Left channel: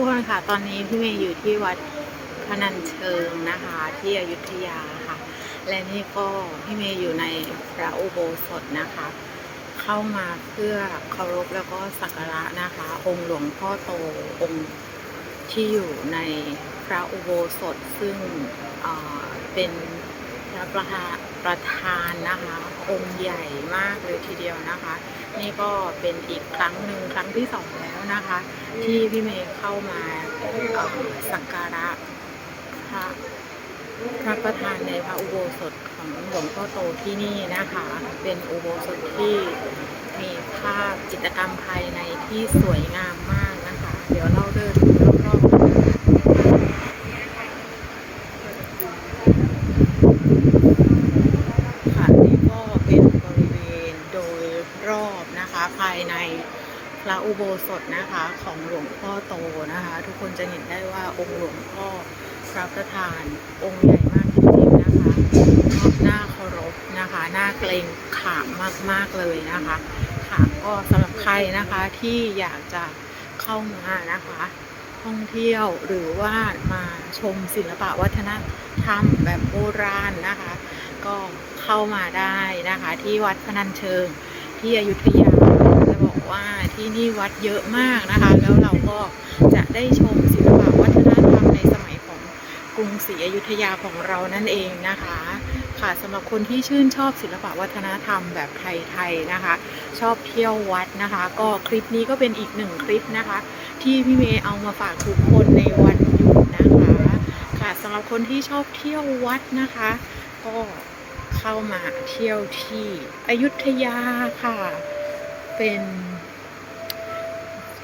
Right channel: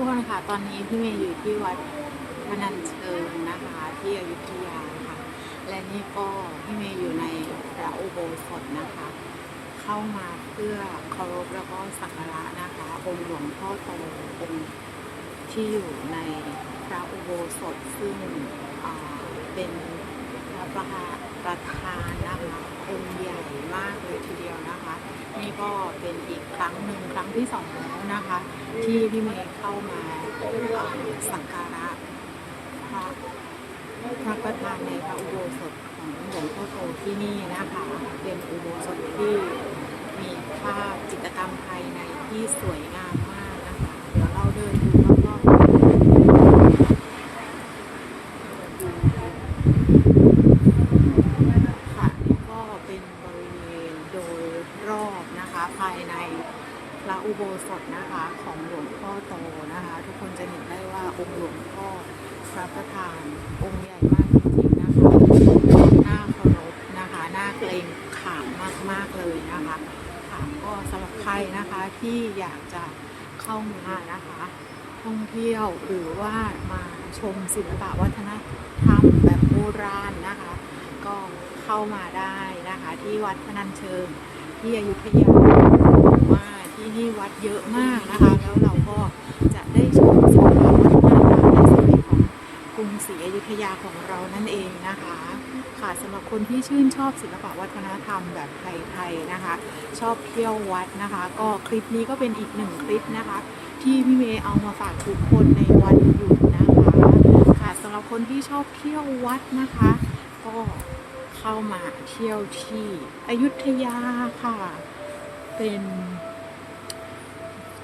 ทุกคนค่ะ ตอนนี้พี่เมย์อยู่ที่วัดพนัญเชิงนะคะ ที่อยุธยาค่ะ และนี่ก็พี่เมย์อยู่ในพระอุโบสถนะคะ เข้ามาเพื่อเคารพแล้วก็สักการะนะคะ องค์หลวงพ่อโตองค์ที่อยู่ในพระอุโบสถซึ่งเป็นพระประธานประธานนะคะองค์ใหญ่มากเลยทีเดียวนะคะ นี่ก็เป็นอีกครั้งหนึ่งครั้งที่สองแล้ว นะคะ ที่พี่เมย์เข้ามาสักการะพระพระประธานในพระอุโบสถของหลวงพ่อโตที่นี่นะคะ เป็นอุโบสถที่มีภาพจิตรกรรมภายในที่สวยงามมากนะคะ เดี๋ยวเราเดินรอบๆค่ะนี่ก็เป็นบริเวณโดยรอบนะคะภายใน พระอุโบสถนะคะของหลวงพ่อโตนะคะ ทุกคนจะเห็นได้ว่าองค์หลวงพ่อพระประธานองค์ใหญ่มากจริงๆนะคะน่าเคารพนะคะน่าเกรงขามมากๆเลยนะคะค่ะก็สำหรับใครนะคะที่อยากจะเข้ามานะคะท่องเที่ยวหรือว่ามาชมศิลปะวัฒนธรรมแบบโบราณนะคะ ก็เข้ามาได้นะคะที่วัดพนัญเชิงที่อยุธยา วัดเยอะมากนะคะ แล้วเราก็จะได้ชมศิลปะวัฒนธรรมในสมัยของกรุงศรีอยุธยาของเรานั่นเองนะคะค่ะสำหรับคนที่ชื่นชอบศิลปะวัฒนธรรมแบบไทยๆนะคะ ชอบเที่ยววัดนะคะ ก็คลิปนี้ก็เป็นอีกหนึ่งคลิปนะคะ ที่พี่เมย์เอามาฝากทุกคนในวันหยุดนะคะ ค่ะสำหรับคนที่ชอบเที่ยววัดนะคะ ก็เข้ามาเที่ยวที่อยุธยาค่ะ เป็น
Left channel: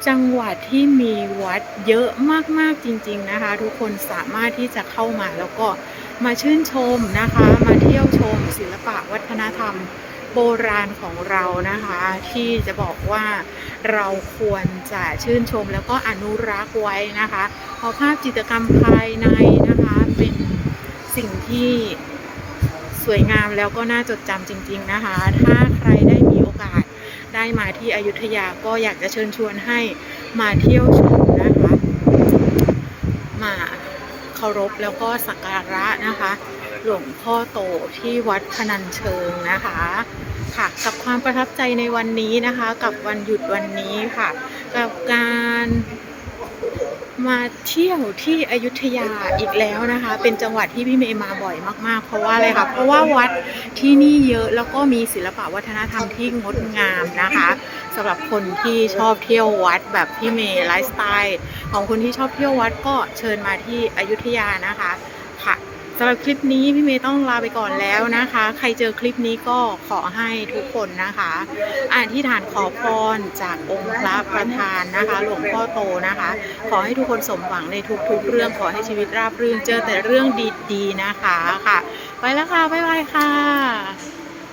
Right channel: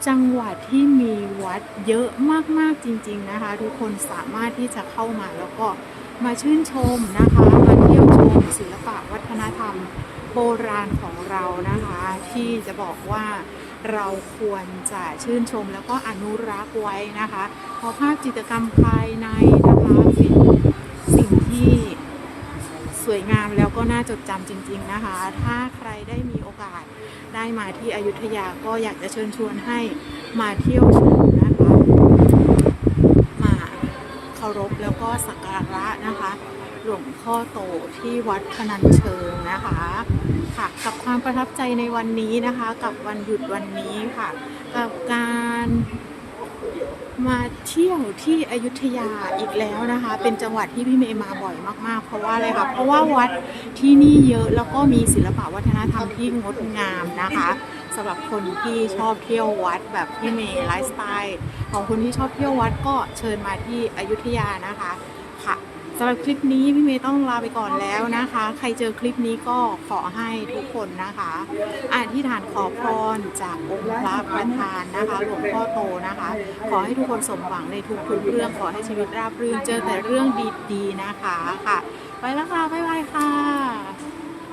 จังหวัดที่มีวัดเยอะมากๆจริง ๆนะคะ ทุกคนสามารถที่จะเข้ามาแล้วก็มาชื่นชมนะคะ มาเที่ยวชมศิลปะวัฒนธรรมโบราณของเรานะคะ ที่จะบอกว่าเราควรจะชื่นชมแล้วก็อนุรักษ์ไว้นะคะ เพราะภาพจิตรกรรมภายในนะคะเป็นสิ่งที่สวยงามแล้วก็น่าจดจำจริง ๆนะคะ ถ้าใครได้ ได้มาที่อยุธยาก็อยากจะเชิญชวนให้มาเที่ยวชมนะคะมาเคารพแล้วก็สักการะนะคะ หลวงพ่อโตที่วัดพนัญเชิงนะคะค่ะกับความประทับใจในวันนี้นะคะ กับวันหยุดวันนี้ค่ะ กับการ มาเที่ยวที่อยุธยาอีกแล้วนะคะ เป็นจังหวัดที่พี่เมย์มาบ่อยมากๆ เพราะว่าอะไรคะเพราะว่าวัดที่นี่เยอะแล้วก็มีศิลปะวัฒนธรรมที่งดงามนะคะสำหรับคนที่ชอบเที่ยววัดแบบพี่เมย์ไลฟ์สไตล์ของคนที่ชอบเที่ยววัดก็เชิญมาที่อยุธยานะคะค่ะ สำหรับคลิปนี้พี่เมย์ต้องลาไปก่อนแล้วนะคะ ใครเจอคลิปนี้ก็ขอให้ทุกคนนะคะอธิฐานขอพรจากองค์พระประธานนะคะ หลวงพ่อโตนะคะ ขอให้ทุกคนสมหวังในทุกๆเรื่องขอให้ชีวิตราบรื่นเจอแต่เรื่องดีๆนะคะค่ะ ไปแล้วค่ะ บ๊ายบายค่ะ